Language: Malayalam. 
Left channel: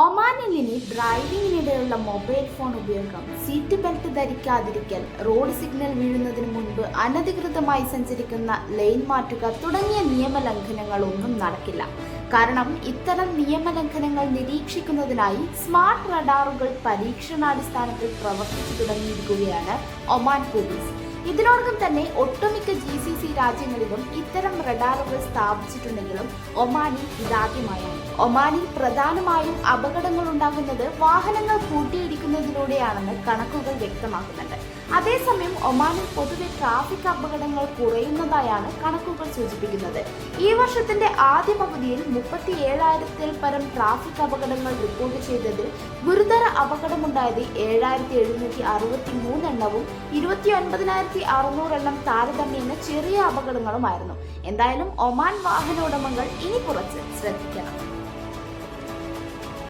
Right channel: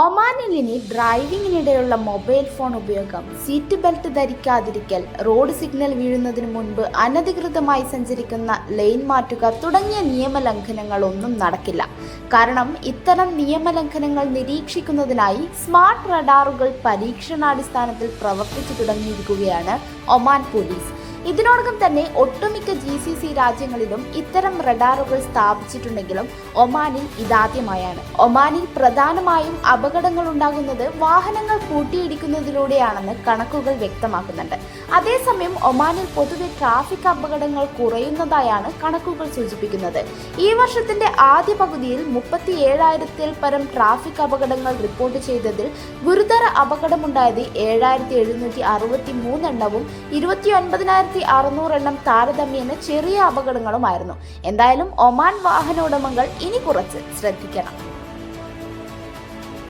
ഒമാനിൽ ഇനി ഡ്രൈവിംഗിനിടെയുള്ള മൊബൈൽ ഫോൺ ഉപയോഗം, സീറ്റ് ബെൽറ്റ് ധരിക്കാതിരിക്കൽ, റോഡ് സിഗ്നൽ വീഴുന്നതിന് മുൻപ് അനധികൃതമായി സഞ്ചരിക്കുന്ന ലൈൻ മാറ്റുക തുടങ്ങിയ നിയമലംഘനങ്ങളൊന്നും നടക്കില്ല. കാരണം ഇത്തരം നിയമലംഘനങ്ങൾ നിരീക്ഷിക്കുന്നതിനായി സ്മാർട്ട് റഡാറുകൾ പരീക്ഷണാടിസ്ഥാനത്തിൽ പ്രവർത്തിച്ചു തുടങ്ങിയിരിക്കുകയാണ് ഒമാൻ പോലീസ്. ഇതിനോടകം തന്നെ ഒട്ടുമിക്ക GCC രാജ്യങ്ങളിലും ഇത്തരം റഡാറുകൾ സ്ഥാപിച്ചിട്ടുണ്ടെങ്കിലും ഒമാനിൽ ഇതാദ്യമായാണ്. ഒമാനിൽ പ്രധാനമായും അപകടങ്ങൾ ഉണ്ടാകുന്നത് വാഹനങ്ങൾ കൂട്ടിയിടിക്കുന്നതിലൂടെയാണെന്ന് കണക്കുകൾ വ്യക്തമാക്കുന്നുണ്ട്. അതേസമയം ഒമാനിൽ പൊതുവെ ട്രാഫിക് അപകടങ്ങൾ കുറയുന്നതായാണ് കണക്കുകൾ സൂചിപ്പിക്കുന്നത്. ഈ വർഷത്തിന്റെ ആദ്യ പകുതിയിൽ 37,000-ൽ പരം ട്രാഫിക് അപകടങ്ങൾ റിപ്പോർട്ട് ചെയ്തതിൽ ഗുരുതര അപകടമുണ്ടായത് 7,763 എണ്ണവും 29,600 എണ്ണം താരതമ്യേന ചെറിയ അപകടങ്ങളുമായിരുന്നു. എന്തായാലും ഒമാൻ വാഹനോടമകൾ ഇനി കുറച്ച് ശ്രദ്ധിക്കണം.